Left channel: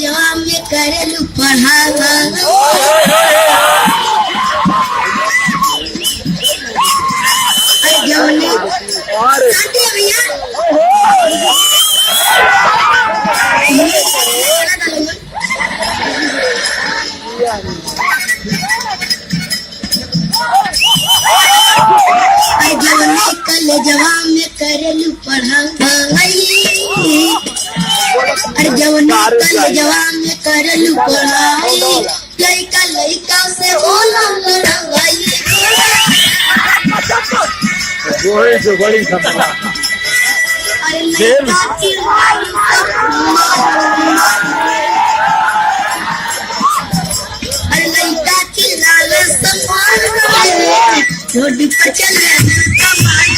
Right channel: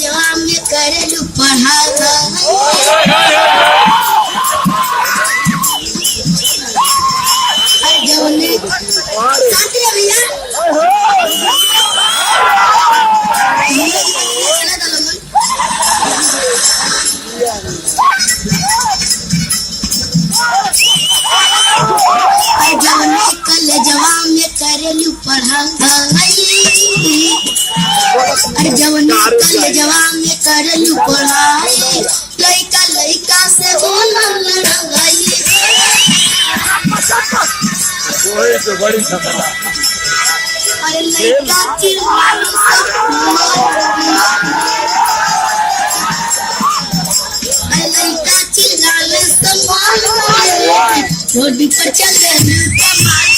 जवाब में करेलू पढ़ावा जवने शांति है भैया जवने कल जवाब में करेलू पढ़ावा अरे जवने कल जवान में करलू पढ़ाई लइका लइका से बोला लड़ाई वही तो बड़ी समस्या अरे लइका चिल्लाने से रोड पर चले कमाल